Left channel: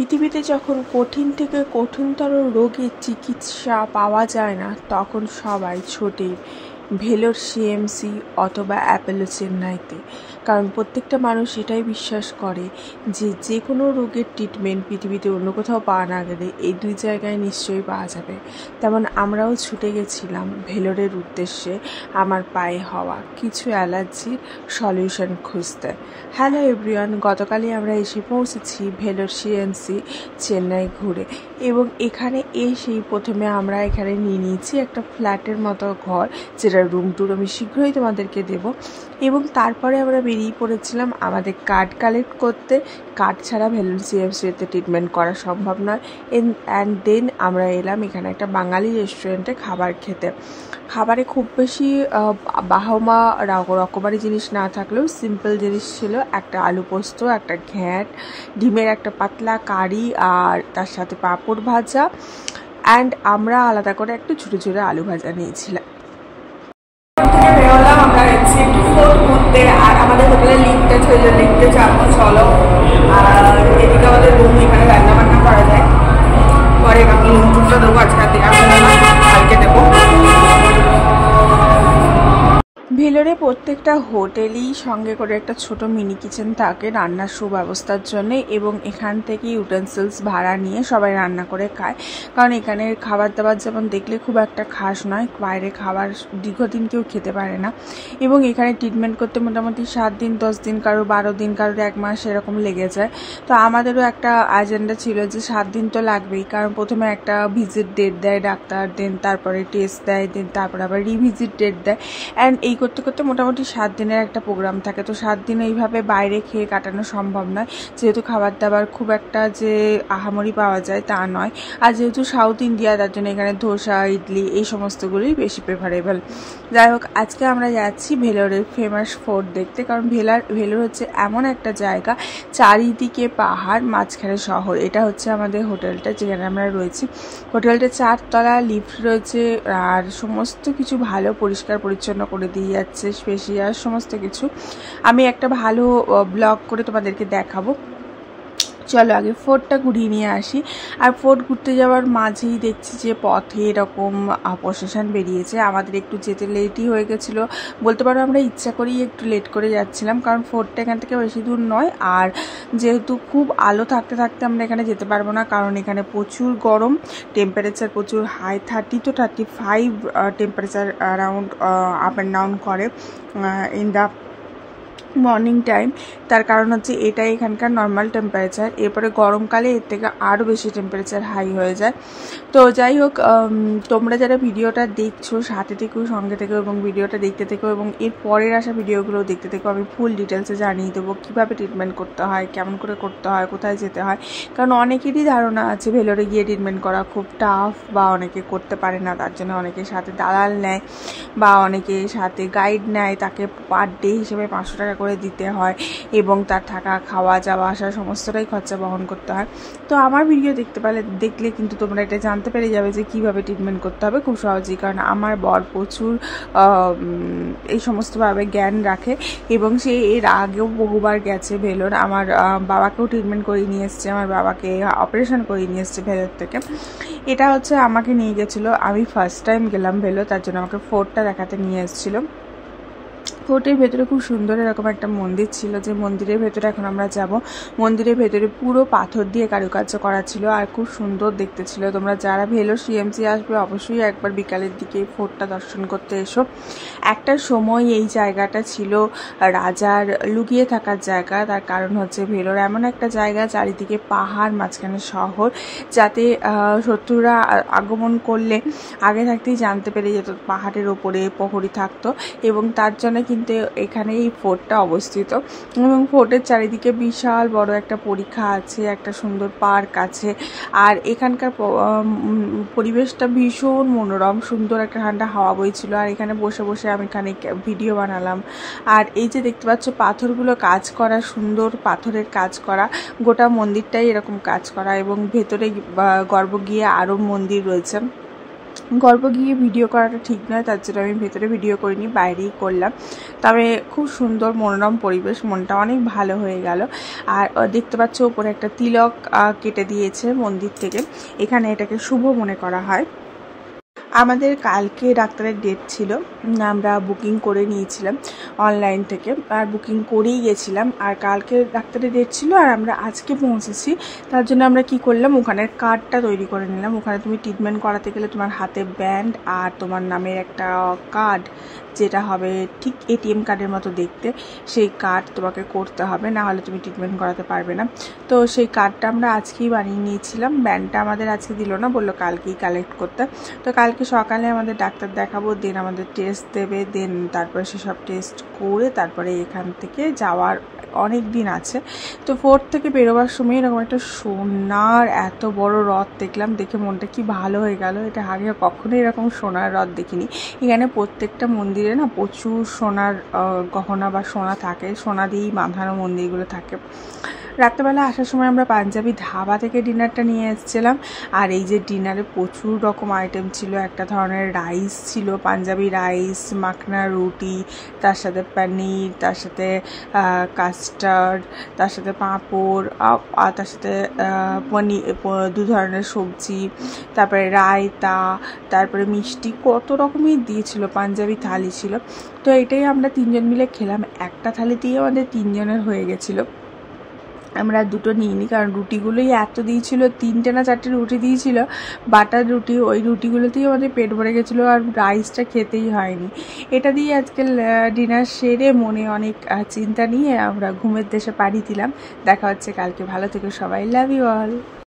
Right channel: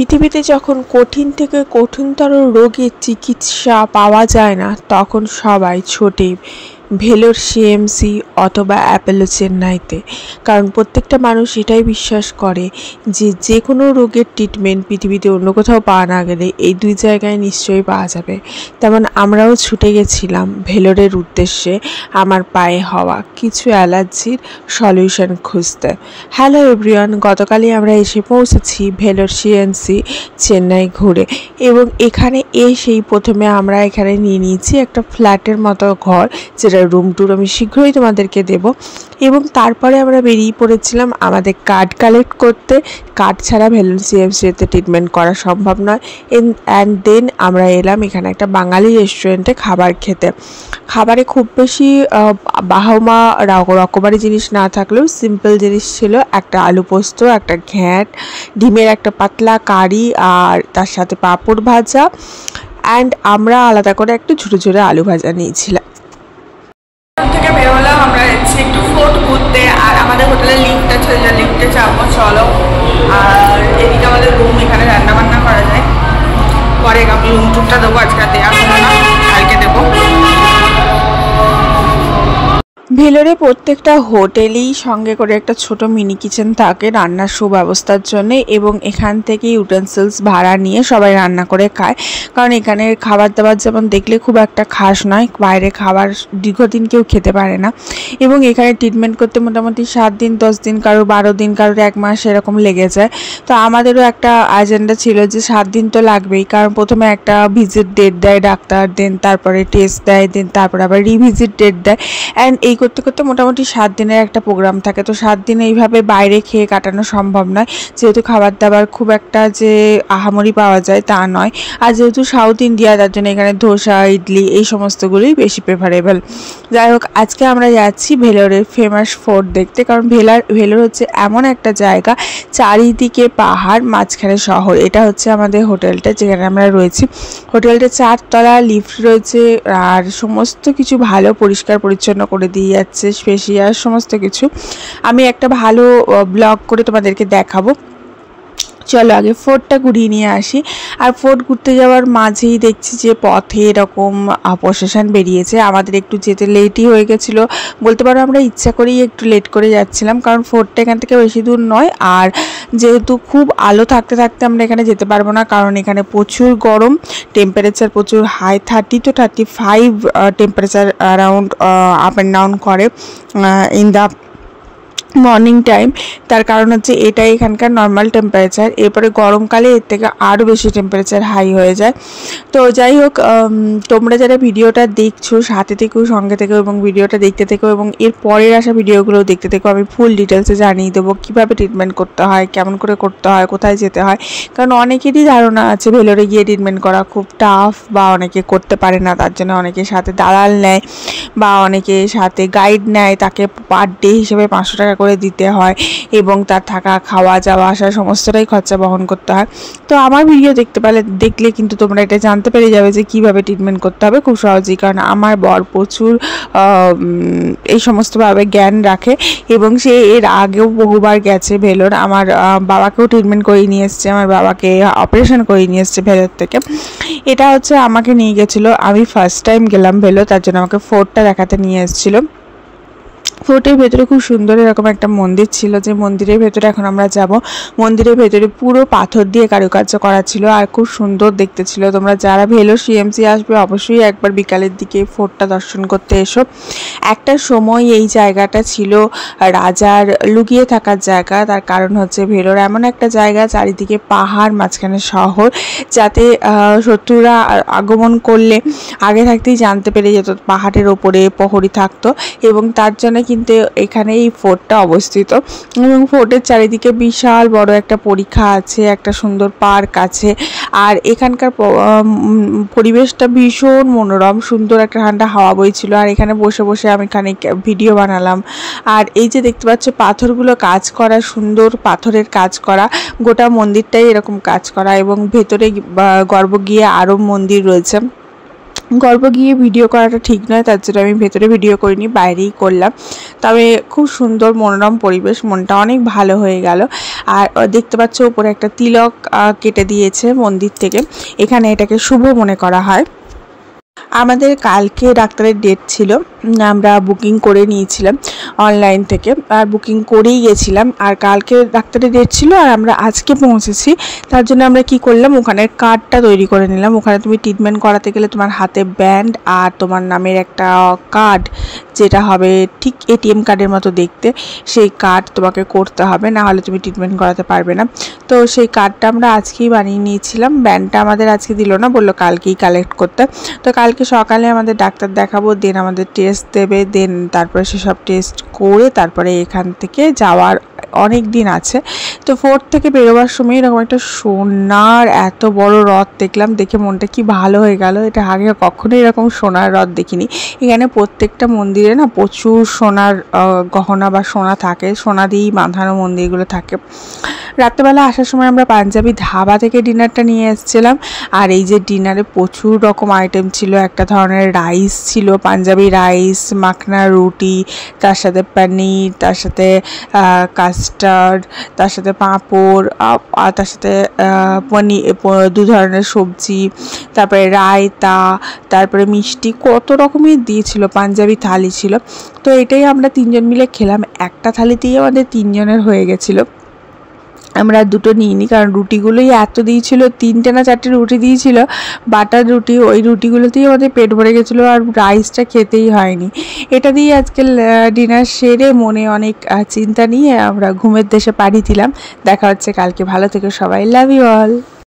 পৃথিবীতে যখন কঠিন থেকে কঠিনতর রোগের চিকিৎসা পাওয়া যায় না, তখন সবাই ছোটে ভেলোর সিএমসি অথবা অ্যাপোলো চেন্নাইতে। কারণ প্রত্যেকটা মানুষ এটাই বিশ্বাস করে যে যে কোনো রোগের ট্রিটমেন্ট পৃথিবীতে অন্য কোথাও পাওয়া না গেলে এই দুই জায়গায় নিশ্চয়ই পাওয়া যাবে। তেমন আমরাও ছুটে গেছিলাম ভেলোরের উদ্দেশ্যে আমার পায়ে হওয়া কিছু অ্যালার্জির সলিউশন খুঁজতে। হ্যালো এভরিওয়ান, গতকালই আমরা এসে পৌঁছেছি ভেলোর সিএমসি চেন্নাই ঘুরে, এবং এখানে এসেই প্রথমে আমরা এখানে নিয়ে নিয়েছি একটা ফ্ল্যাটের মতো ঘর, যেটা রুম ট্যুর আমি শীঘ্রই তোমাদেরকে দেব। এবং তারপরে আমরা বেরিয়ে পড়েছিলাম আমাদের কার্ড কালেক্ট করতে। কার্ড ছাড়া ভেলোর সিএমসিতে ট্রিটমেন্ট করা সম্ভব নয়। অ্যান্ড দেন আমরা এলাম এখানে একটা বাঙালি রেস্টুরেন্টে খাবার খেতে। খাবারে খুব বেশি বাহমা রকমারি জিনিস না থাকলেও সিম্পল জিনিস ছিল। একটা আলু পোস্ত, একটা ঘ্যাঁট, ডিমের একটা পাতলা কারি, আর তার সাথে পাঁপড় ভাজা, অ্যান্ড আমরা আলাদা করে একটু ছোটো ছোটো আলু ভাজা নিয়েছিলাম। থেকে বেরোলাম, আমরা যাচ্ছি একটু ফোর্ট ঘুরতে, আর আমাদের হোটেলে লিফট আছে, যে লিফটে চাপবো, চলো। আর এদিকে আমাদের রুম, এখানে রান্না বান্না করা যায়। পরে আমি রুম টুরটা দেবো, আজকে দেওয়া হলো না, কালকে দেবো। ভেলোরে প্রত্যেকটা হোটেলেই সঙ্গে করে একটা ছোট মিনি কিচেন থাকে রান্নার সুব্যবস্থার জন্য, এবং এখান থেকে ইউটেন্সিলস ভাড়া নিয়ে সবাই রান্না করে খায়। কারণ এখানের খাবার দাবার যেমন দেখলে খুব একটা খাস নয়, বাইরে খাবার দীর্ঘদিন কেউ খেতে পারে না। এবং এখানে ট্রিটমেন্ট করতে মোটামুটি 7 দিন 10 দিন, কারো 12 দিন, কারোর 1 মাস এরকম লেগে যায়। তো আমাদেরও একটা এজেন্ডা ছিল যে 7 দিন তো লাগবেই, কারণ প্রথমে একটা ভিজিট ডেট দেয় ডাক্তার, দেন তারপরে টেস্ট দেয়, দেন তারপরে আবার রিভিজিট ডেট দেয়। অ্যান্ড এই করতে করতে মোটামুটি 7 দিনের একটা প্রোগ্রাম থাকে। তো 7 দিন এইভাবে বাইরে খেয়ে কাটানো সম্ভব নয়, যেহেতু খাবার দাবার খুব একটা যে আহামরি পাওয়া যায় তা নয়। আর যেহেতু সাউথ ইন্ডিয়া, তার জন্য এখানে ধোসা, ইডলি এই সমস্তগুলোই বেশি প্রেফারেবল। যাই হোক, আজকে আমরা যাচ্ছি ভেলোরের ফেমাস ফোর্ট দেখতে। কারণ ভেলোর হচ্ছে এমন একটা জায়গা, চারিদিকে পাহাড়, মাঝখানে শহর। এটা হচ্ছে আমাদের হোটেলটা, যেখানে আমরা রয়েছি। হোটেলটা 4 তলা, লিফট রয়েছে, আর সমস্ত কিছু ভালো পরিষ্কার পরিচ্ছন্ন করে দিয়ে যাচ্ছে, স্পেশিয়াল সমস্ত কিছু। আমি একটা ভালো ব্লগ করে তোমাদেরকে দেখাবো। চলো আগে ফোর্টটা ঘুরিয়ে নিয়ে আসি। আর ফোর্ট ঘুরতে যাওয়ার মাঝেই দেখছি যে পথে এরকম প্রসেশন বেরিয়েছে। আমাদের একটু যেতে লেটই হয়ে গেছিলো বলতে পারো, আমরা ইচ্ছা করেই একটু লেট করে যাচ্ছিলাম, কারণ ফোর্টটা এখান থেকে বেশি দূর নয়। আর যেহেতু খুব আলো থাকতে থাকতে আমরা এখানে যেতে পারবো না, কারণ এখানে প্রচুর গরম, টেম্পারেচার প্রচুর হাই, 30 to 35 temperature around up and down করে ইন দ্য মর্নিং টাইম। তার কারণ হচ্ছে এটাই এখানকার নর্মাল টেম্পারেচার। এরপরে গরমকালে এর থেকে আরও বেশি টেম্পারেচার হাই হয়ে যায়। তো যাই হোক, তোমরা যারা ভিডিওটা দেখছো সাথে থেকেও, সঙ্গে থেকেও, এবং ভিডিওটা দেখতে থেকো, এবং এর পরের আসা ভিডিওগুলো দেখতে থেকো। আমি ফুল ডিটেলসে জানিয়ে দেবো কীভাবে ট্রিটমেন্ট করতে হয়, কেমন করে করতে হয়, কোথায় যেতে হয়। কারণ অনেকেরই ধারণা আছে ভেলোরে গিয়ে ট্রিটমেন্ট করা খুব টাফ, বা অনেকে করতে পারে না, তার জন্য অনেকে সাথে দালাল নেয় বা অনেকে সাথে গাইড নেয়, তাকে পার ডে হিসেবে 500 টাকা করে দিতে হয়, এবং তার থাকা, খাওয়া, যাওয়া আসা সমস্তটাই খরচা বহন করতে হয়। তো আমার ভিডিও দেখলে কিন্তু তোমরা এটা জানতে পেরে যাবে যে কিভাবে ট্রিটমেন্ট করতে হবে খুব সহজেই। কারণ আমার বর প্রচুর এই সমস্তভাবে জ্ঞান রাখে, এবং সে এর আগেও বহুবার গেছে ভেলোর। আমার বাবাকেও ট্রিটমেন্ট করিয়ে নিয়ে এসছে, আমার বাবাকে অপারেশন করিয়ে নিয়ে এসছে ভেলোর থেকে। এটা হচ্ছে আমাকে নিয়ে গেছিলো, আমি ফার্স্ট টাইম গেলাম ভেলোর, তার জন্য আমাকে ফোর্টটা দেখাতে নিয়ে এসেছিলো। ফোর্টের ভেতরে খুব সুন্দর এরকম একটা মন্দির ছিল, যে মন্দিরের ভেতরে এখন আমরা যাব। মন্দিরের ভেতরে পুরো পাথর দিয়ে কারুকার্য করা ছিল, আর খুব সুন্দর দেখতে ছিল। তোমরা যারা ভেলোর সিএমসি আসবে অবশ্যই একবার বিকালের দিকে ফোর্টটা দর্শন করতে এসো। একটা সময় এই জায়গাটা ছিল রাজার লুকিয়ে থাকার জায়গা। তার কারণ হচ্ছে ভেলোর এমন একটা জায়গা, চারিদিকে পাহাড়, মাঝখানে শহর, যাতে শত্রুরা আগমন করলে আগে থাকতেই জানতে পেরে যেত পাহাড়ের ওপরে প্রহরী থাকতো, এবং তার জন্য কিন্তু এখানে এই ফোর্টটা অবস্থিত। এবং ফোর্টের চারিদিকে বিশাল বড় একটা পরিখা আছে, একটা সুন্দর পার্ক আছে, আর এখানকার পরিবেশটা ভীষণ মনোরম, সুন্দর একটা ঠান্ডা হাওয়া বইছিল। আর এখানে বসে বসে আমি খানিক ভিডিও বানালাম। আর এই যে দেখতে পাচ্ছ পাথরগুলো কাজ করা, সুন্দর পাথরের কাজ করা, গোটা মন্দিরটাই এরকম কাজ করা, এবং ভেতরে গর্ভ গিয়ে আরও মন্দির রয়েছে। গল্প গিয়ে ভিডিও করাটা ঠিক নয়, তার জন্য আমি ভেতরে ভিডিও করিনি, বাইরেই করলাম। তবে খুব সুন্দর মনোরম পরিবেশ, মনটা অনেক ভালো হয়ে গেল। আর দেখতে পাচ্ছ উপরে একটা তিলক কেটে দিয়েছে মন্দির থেকে, এখানে এটাকে শুভ মনে করা হয়। আমাদের কালকে ডাক্তারের ডেট ছিল, আমরা বুকিং করে নিয়েছিলাম অনলাইন থেকে, আর বুকিং করেই গেছিলাম। আর কালকে ডাক্তারের ডেট ছিল আর আমরা আজকে পৌঁছেছি, তার জন্য আমরা কি করলাম, ওখানের কার্ডটা তৈরি করে নিলাম। ওখানে তুমি ট্রিটমেন্ট করাতে গেলে তোমার হাতে ব্যান্ড আর তোমার নামের একটা কার্ড, যেটা হবে ঠিক এটিএম কার্ডের মতো দেখতে, সেই কার্ড তোমাকে করতে হবে, না হলে তুমি ট্রিটমেন্ট করাতে পারবে না। তো সেই কার্ডটা আমরা আজকেই বানিয়ে নিয়েছিলাম। ব্যান্ডটা আমাদের আজকে দিল না, বললো কালকেই কালেক্ট করতে। তো কালকে সকালে আমাদের ডাক্তার দেখাবো, দেন আমাদের টেস্ট দেবে, দেন তারপরে সেসব টেস্ট করে তারপরে এখান থেকে যাওয়ার অনেক দিন আছে। তো 4 থেকে বেরোবার সময় এরকম একটা সোনার এত বড় রথ দেখলাম, দেখে মনটা কি ভালো হয়ে গেল। এটা আগে কখনোই এরকম সোনার রথ দেখিনি। এখানে প্রত্যেকটা মন্দিরে না প্রচুর সোনার গহনা বা সোনা থাকে, সোনা দিয়েই বাঁধানো মন্দিরগুলো থাকে। রাত্রেবেলা আসার সময় আমরা পাঞ্জাবি ধাবা থেকে ডিনারটা নিয়ে এসেছিলাম। আর এই যে ডিনারে প্রচুর রকম আইটেম ছিল, একটা ধরনের রাইস ছিল, পাঞ্জাবি রাইস, মাখনা রুটি, তার সাথে পনির, তার সাথে কাস্টার্ড, তার সাথে পাঁপড়, আর তার সাথে পনির, 2 ধরনের সবজি, তারপরে রায়তা, তারপরে মিষ্টি, কত রকমের দিয়েছিল, পাঞ্জাবি থালি ছিল। তো এটাই আমরা 3 জন মিলে খেলাম, একটা থালিতেই আমাদের 3 জনের হয়ে গেছিলো। আমরা 2টো নিইনি, কারণ রুটিগুলোই এত দিয়েছিল, 3টে না 4টে রুটি দিয়েছিল, বাটার রুটি, ওই রুটিগুলোতেই আমাদের পেট ভরে গেছিলো, আর রাইসটা খেতেই হয়নি। এটা দিয়ে আজকে ডিনার সেরে মনে অনেক চিন্তা নিয়ে আমরা ঘুমের দেশে পাড়ি দিলাম। দেখা হচ্ছে কালকে, ভালো থেকো সবাই, লাভ ইউ অল।